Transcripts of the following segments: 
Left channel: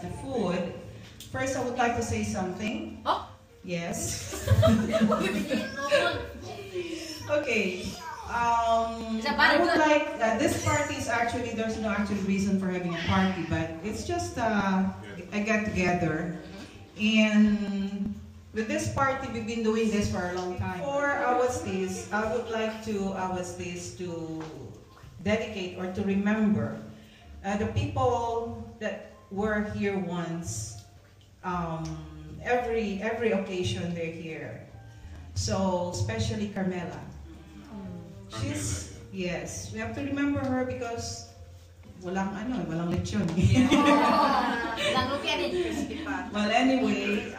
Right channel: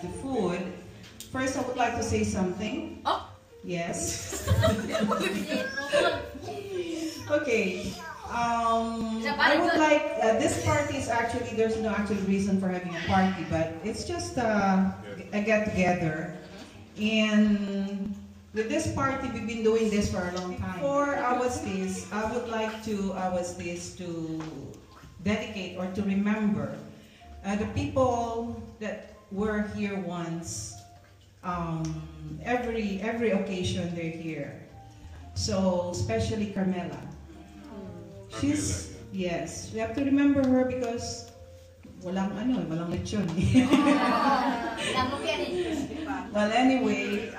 the food, first I would like to say something. Oh! Yes. Okay. I would like, this party is actually, there's no actual reason for having a party, but it's just a get-together. And with this party, we've been doing this for a long time. For our stays, I would like to to dedicate or to remember the people that were here once. Every occasion they're here. So especially Carmela. She's, yes, we have to remember her because walang lechon. Well, anyway,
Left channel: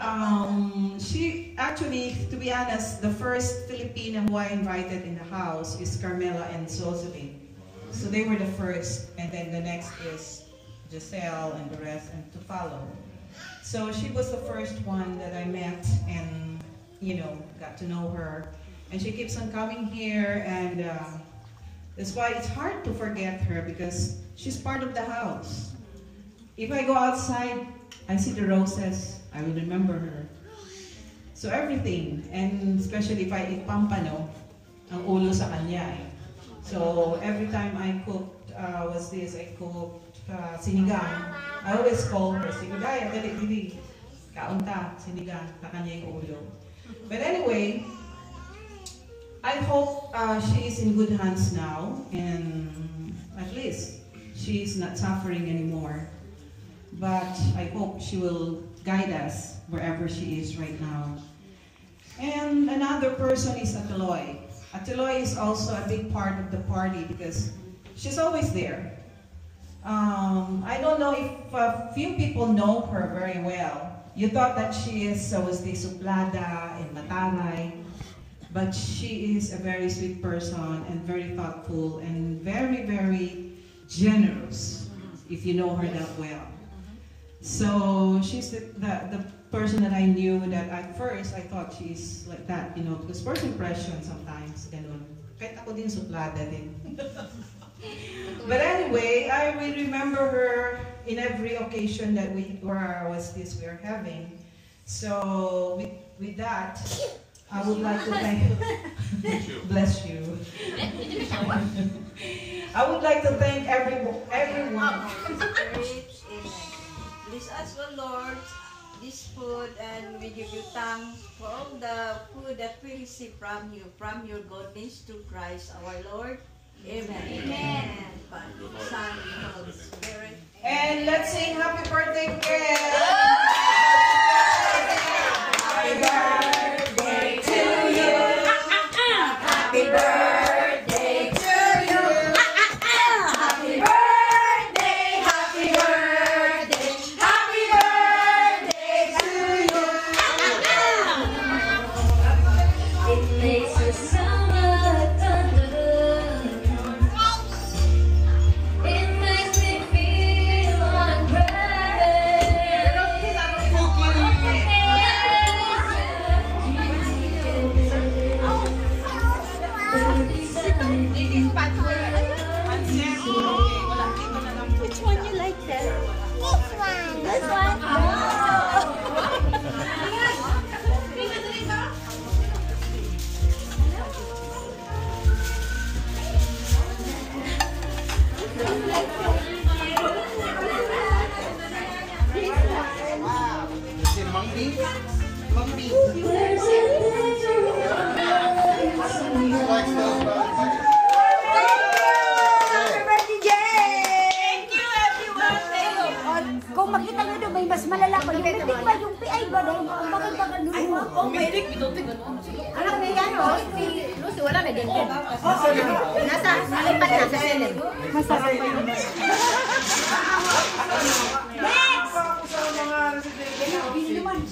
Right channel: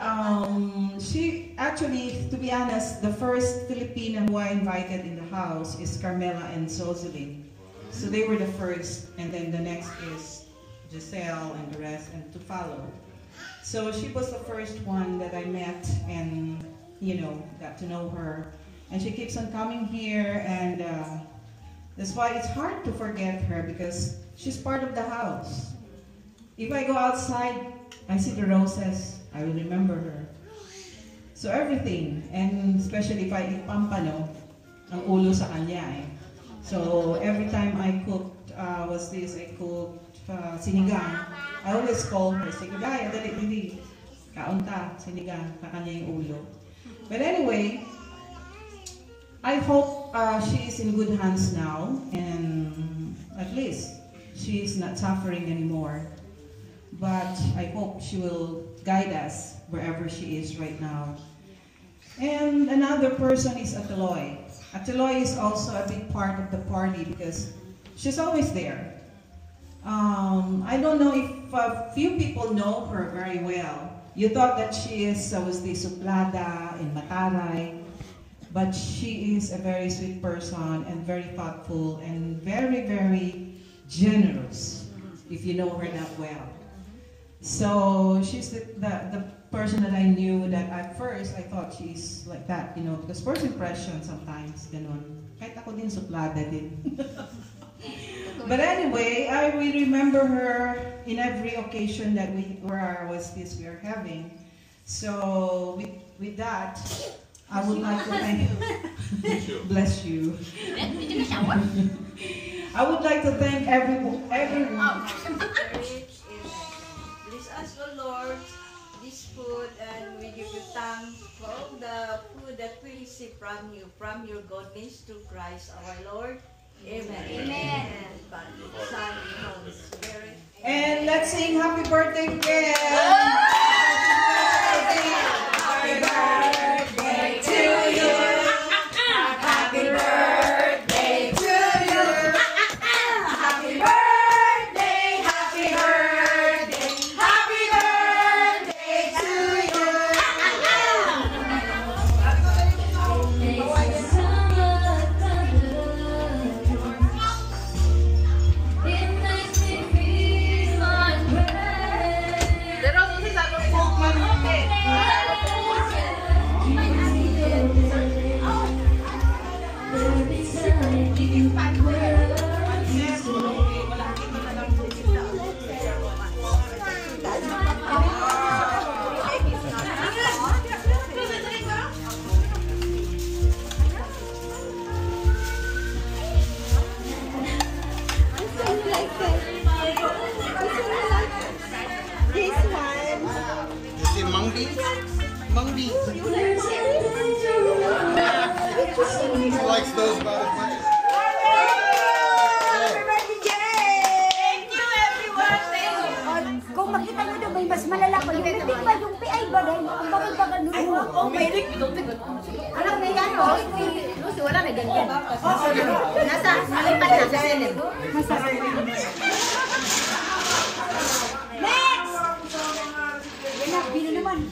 she actually, to be honest, the first Filipino who I invited in the house is Carmela and Zozuli. So they were the first, and then the next is Giselle and the rest, and to follow. So she was the first one that I met and, got to know her. And she keeps on coming here, and that's why it's hard to forget her because she's part of the house. If I go outside, I see the roses, I will remember her. So everything, and especially if I eat pampano, ang ulo sa kanya eh. So every time I cooked, I cooked sinigang, I always call her, Sinigang, dali, kaunta, sinigang, kakanya yung ulo. But anyway, I hope she is in good hands now, and at least she is not suffering anymore. But I hope she will guide us wherever she is right now. And another person is Ateloy. Ateloy is also a big part of the party because she's always there. I don't know if a few people know her very well. You thought that she is was the suplada in Mataray. But she is a very sweet person and very thoughtful and very, very generous, if you know her that well. So she's the person that I knew that at first I thought she's like that, because first impression sometimes, ganun. Kahit ako din suplada din. But anyway, I will remember her in every occasion that we are having. So with that, I would like to thank bless you. I would like to thank everyone. Bless us, O Lord, this food, and we give you thanks for all the food that we receive from you, from your goodness to Christ our Lord. Amen. Amen. Son, and Holy Spirit. And let's sing happy birthday again. Happy birthday to you. Happy birthday to you. Happy birthday, happy birthday, happy birthday to you. It makes me feel like mas malala pa yung metik ba yung PI ba dahil ang bagal-bagal nun. Oh, metik, biduntik. Alam na yan, o? Si Lucy, wala na din. Nasa, nalipat na sa selim. Masarap pa yun. Next! Yan na, bino naman.